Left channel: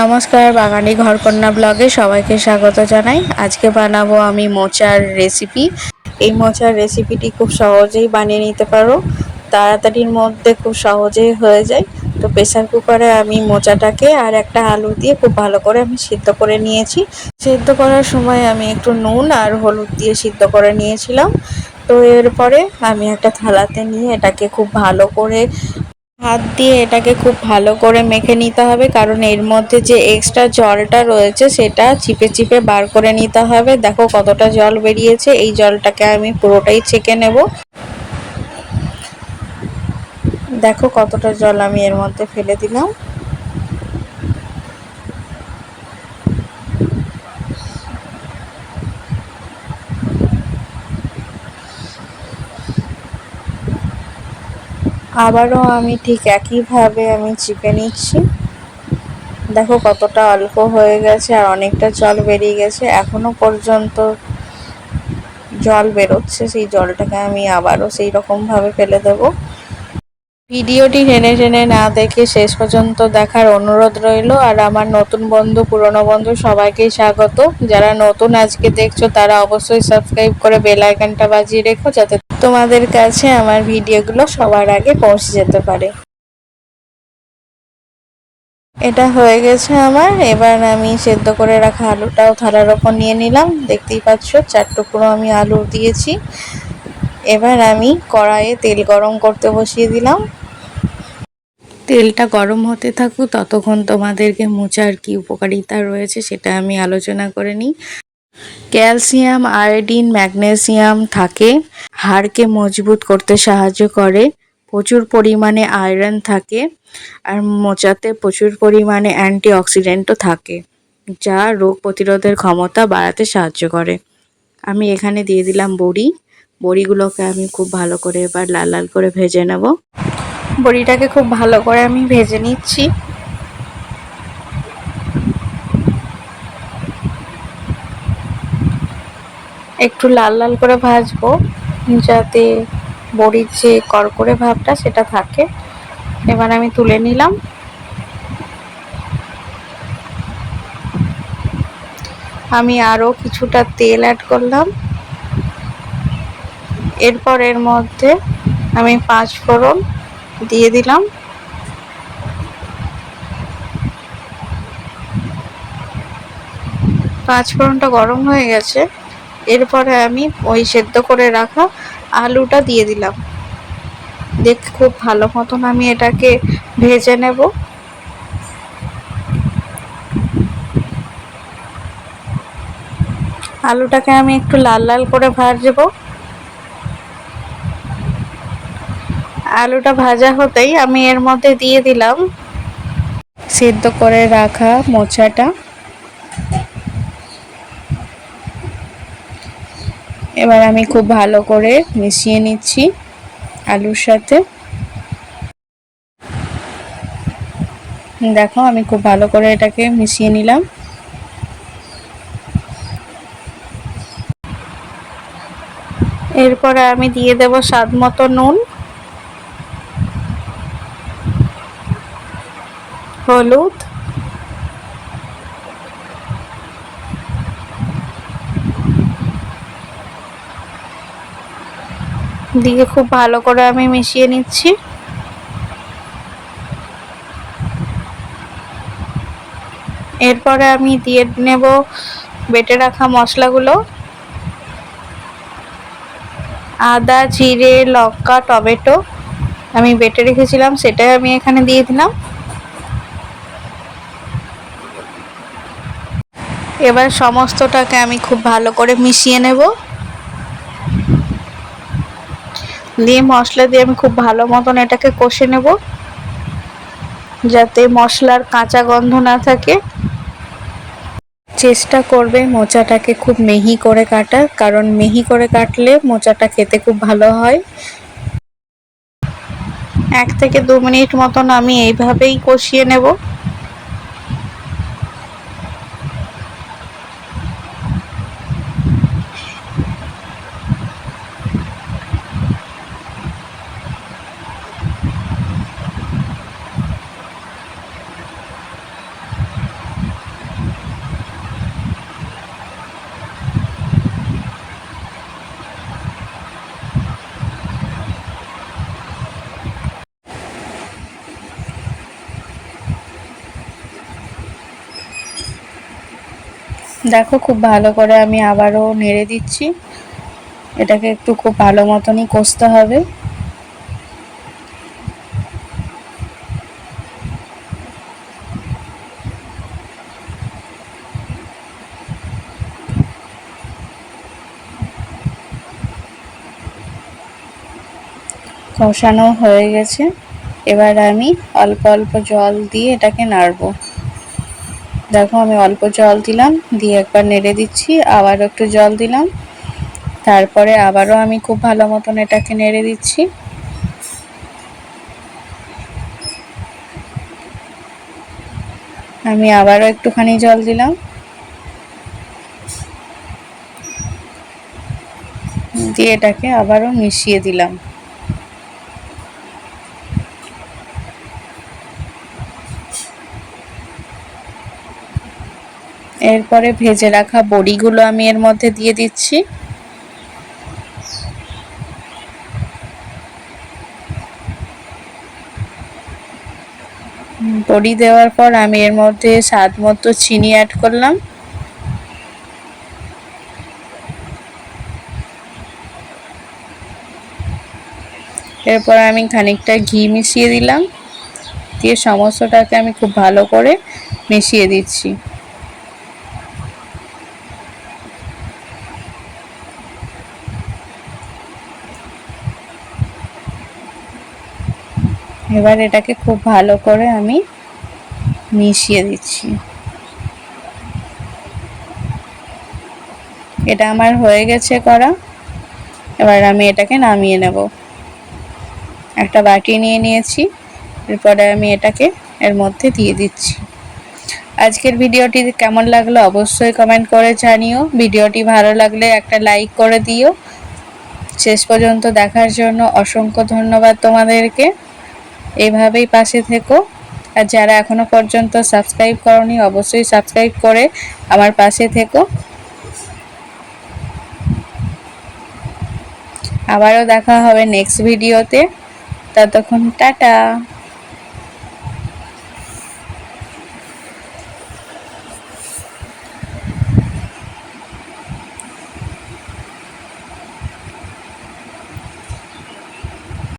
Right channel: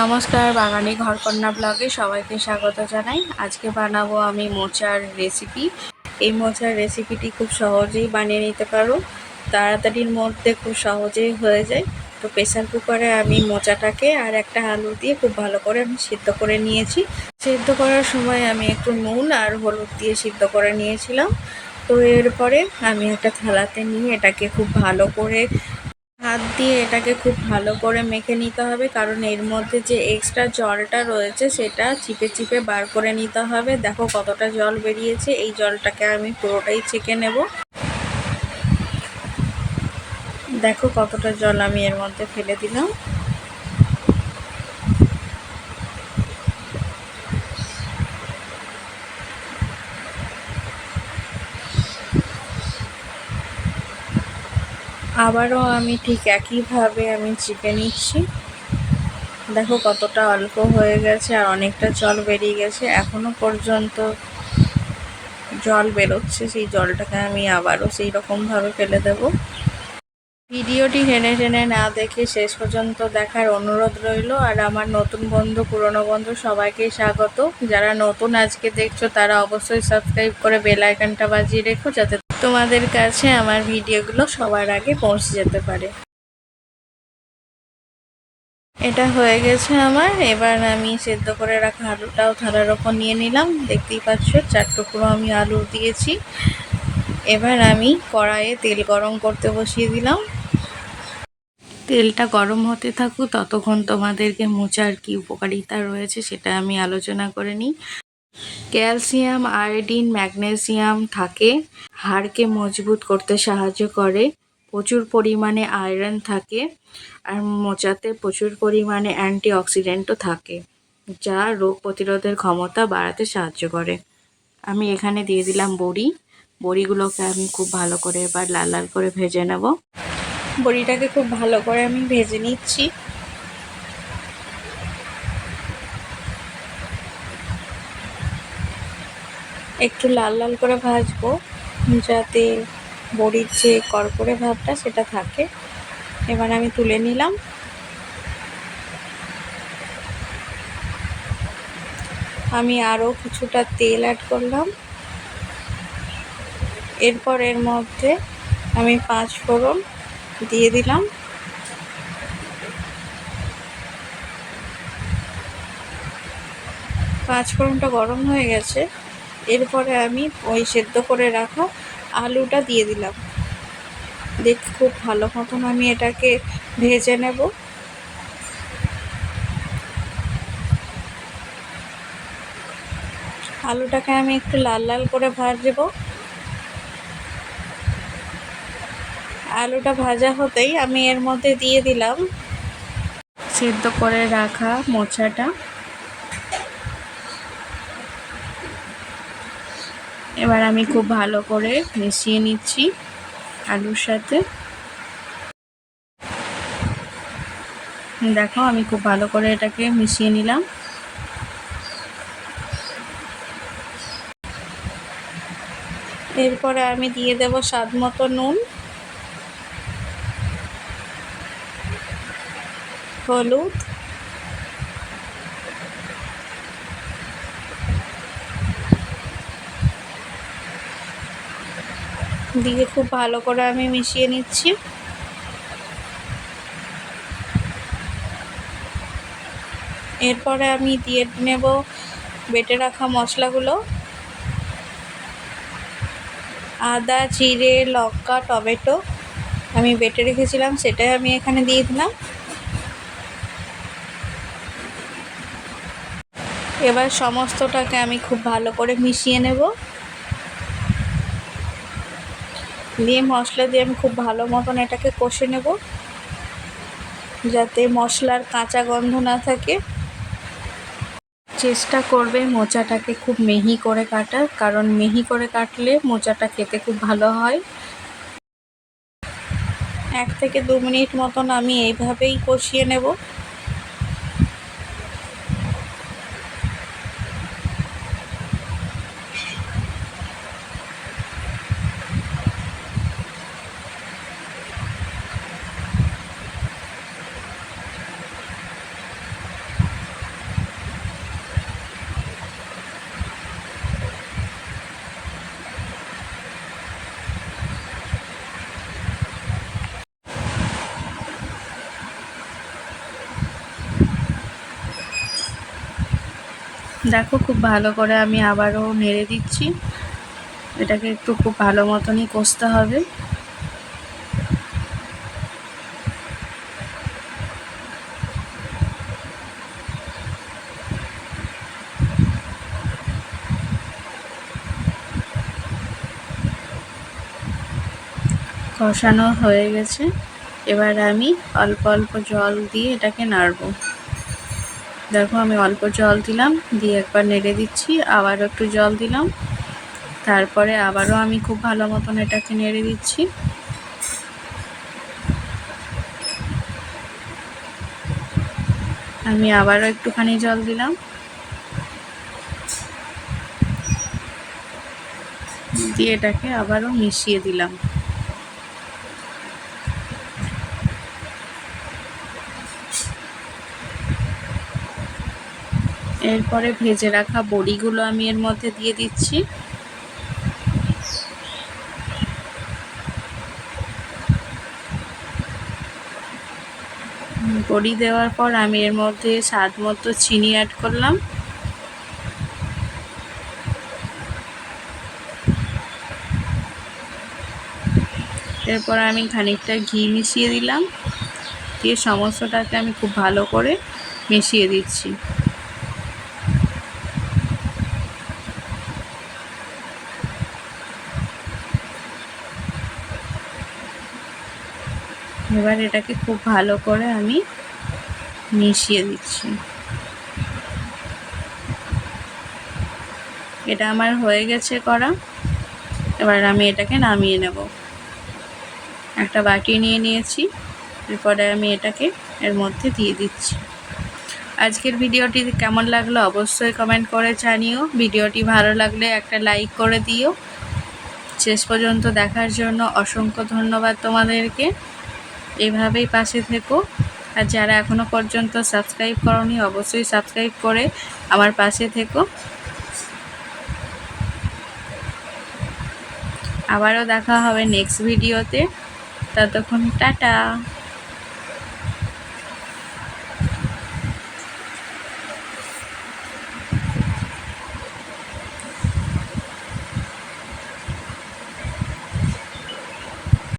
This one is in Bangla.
নমস্কার, বাঙালি ঘরকন্যা ব্লগে সবাইকে স্বাগত জানাই। আজকে বানাবো আমি মোচার রেসিপি। এই মোচার রেসিপিটি খুব সহজেই বানিয়ে নিতে পারো, তাড়াতাড়ির মধ্যে খুব সহজেই হয়ে যায়। তো প্রেসার কুকারে আমি মোচাটাকে আর একটা আলু দিয়ে খুব ভালো করে আমি সিদ্ধ করে নিয়েছি। সিদ্ধ করার সময় আমি একটু নুন আর হলুদ দিয়ে সিদ্ধ করে নিয়েছিলাম। তো এরপরে আমি একটা থালাতে নিয়ে এটাকে খুব ভালো করে হাত দিয়ে এটাকে খুব ভালো করে মেখে নিতে হবে, কারণ এর মধ্যে যে এক্সট্রা জলটা রয়েছে সেটা চিপে চিপে বার করে নিতে হবে। দেখো কতটা জল বেরিয়েছে, এই জলটাকে আমি পুরোটাই ছেঁকে নেব। দেখো কতটা জল আমি এর মধ্যে ফেলে দিলাম। আবারও আমি ঠিক একইভাবে আমি চিপে নিচ্ছি। দেখো কতটা অল্প হয়ে গেছে আর অনেকটা জল বেরিয়ে গেছে, এখনো পর্যন্ত জল বেরোচ্ছে। সেই জলটাকে আমি আবারও সেই রকম ভাবে ফেলে দেব। ভিডিওটি টেনে টেনে না দেখে শেষ পর্যন্ত দেখার অনুরোধ রইল। আর আমার নতুন বন্ধু, পুরনো বন্ধু সবাইকেই স্বাগত। যারা নতুন আজকে দেখছো তারা অবশ্যই সাবস্ক্রাইব করে বেল আইকনটা বাজিয়ে রেখো, যাতে তোমাদের কাছে আমার ভিডিওগুলো সবার আগে পৌঁছে যেতে পারে। এটা হয়ে গেছে আমার। এবার আমি সেদ্ধ করে রাখা আলুটাও থালার ওপর নিয়ে নিলাম। দেখতেই পাচ্ছ 4 টুকরো আমি আলু দিয়েছি। এবার আমি কড়াইয়ে তেল গরম করতে বসিয়ে দিলাম। তেলটা গরম হতে থাকুক, ততক্ষণ তোমাদেরকে মোচার কি উপকারিতা রয়েছে সেটা আমি আলোচনা করে নিই। ক্যালসিয়াম, আয়োডিন, ম্যাগনেসিয়াম থাকে, হাড়কে মজবুত করতে সাহায্য করে। প্রচুর পরিমাণে আয়রন থাকে, আর মোচাতে প্রচুর পরিমাণে অ্যান্টিঅক্সিডেন্টও থাকে, যা রোগ প্রতিরোধের ক্ষমতা বাড়াতে সাহায্য করে। আমি এখানে দিয়ে দিলাম বড়ি। বড়িগুলোকে আমি খুব ভালো করে এবার লাল লাল করে ভেজে নেব। বড়িটাকে খুব ভালো করে আমি ভেজে নিচ্ছি। একটু লাল লাল করে ভাজবো, যাতে বড়ির যে কড়কড়ে ভাবটা সেটা থাকে। এবার আমি তুলে নিলাম। আমি আরও কিছুটা তেল অ্যাড করলাম। এরপর এর মধ্যে আমি 5 ফোড়ন দিয়ে দিলাম। পাঁচ ফোড়নটা গরম হয়ে গেছে। এরপরে আমি ওই সেদ্ধ করে রাখা আলুটা দিয়ে দিলাম। দেখ খুব ভালো মতন আমি এটাকে ভেজে নেব। আলুটাকে আমি একটু লাল লাল করে ভাজবো। আলুটা ভাজা হতেই আমি এর মধ্যে দিয়ে দিলাম সেদ্ধ করে রাখা মোচাটা। এবার আমি খুব ভালো করে মিশিয়ে নিচ্ছি আলুর সাথে। দেখো আমি খুব ভালো করে এটাকে মিশিয়ে নিলাম। এরপরে আমি দিয়ে দেব স্বাদ মতো নুন, হলুদ, দিয়ে খুব ভালো করে আমি মিশিয়ে নিচ্ছি। এরপরে আমি দিয়ে নেব বেটে রাখা মশলাগুলো। আদা, জিরে, লঙ্কা, টমেটো আমি বেটে রেখেছিলাম, সেটাই আমি এখানে দিয়ে দিলাম। এবার সমস্তটাকে আমি খুব ভালো করে মিশিয়ে নেব। দিয়ে মশলা দিয়ে আমি খুব ভালো মতন এটাকে কষে নেব, যাতে মশলার কাঁচা গন্ধ না থাকে। চেষ্টা করবে মোচাটাকে খুব মিহি করে কাটার, কারণ মিহি করে কাটলে মোচাটা খেতে খুব ভালো হয়। 1 থেকে 2 মিনিট মতন আমি এইভাবেই কষিয়ে নেব। দেখো খুব ভালো করে আমি আবারও নেড়ে দিচ্ছি। এটাকে একটু খুব ভালো মতনই কষতে হবে। কষানো হয়ে গেছে, এবার আমি অল্প অল্প জল দিয়ে এটাকে নাড়বো। দেখো আমি অল্প জল দিলাম, দিয়ে একবার নেড়ে দিচ্ছি, আবার একটু জল দিলাম, তারপরে আবারও আমি খুব ভালো মতন এটাকে নেড়ে দিচ্ছি। আমি আবারও একটুখানি জল দিলাম, দিয়ে এটাকে আবারও মিশিয়ে দিলাম। এরপরে ভেজে রাখা বড়িগুলো আমি এর মধ্যে দিয়ে দিচ্ছি। বড়ি দেওয়ার পর আমি এর মধ্যে স্বাদ মতো চিনি অ্যাড করলাম। এরপর আমি খানিকটা ঘি মিশিয়ে দিলাম, দিয়ে সমস্তটাকে আমি খুব ভালো করে মিশিয়ে দিচ্ছি। এবার এটাকে খুব ভালো করে আমি মিশিয়ে দিচ্ছি। এটা আমার হয়ে গেছে করা। এবার আমি এটাকে নামিয়ে নেব। একটা বাটি নিয়ে নিয়েছি, এরপরে আমি এটাকে এর মধ্যে দিয়ে দিচ্ছি। আজকের ভিডিওটি কেমন লাগলো অবশ্যই কমেন্ট করে জানিও। ভিডিওটি ভালো লাগলে একটা লাইক করে দিও। শেষ পর্যন্ত দেখার জন্য অসংখ্য ধন্যবাদ তোমাদেরকে। এইভাবেই পাশে থেকো, আর যারা এখনো পর্যন্ত সাবস্ক্রাইব করোনি অবশ্যই সাবস্ক্রাইব করে আমার পাশে থেকো। আবারও দেখা হবে নেক্সট ভিডিওতে, ততক্ষণ টাটা।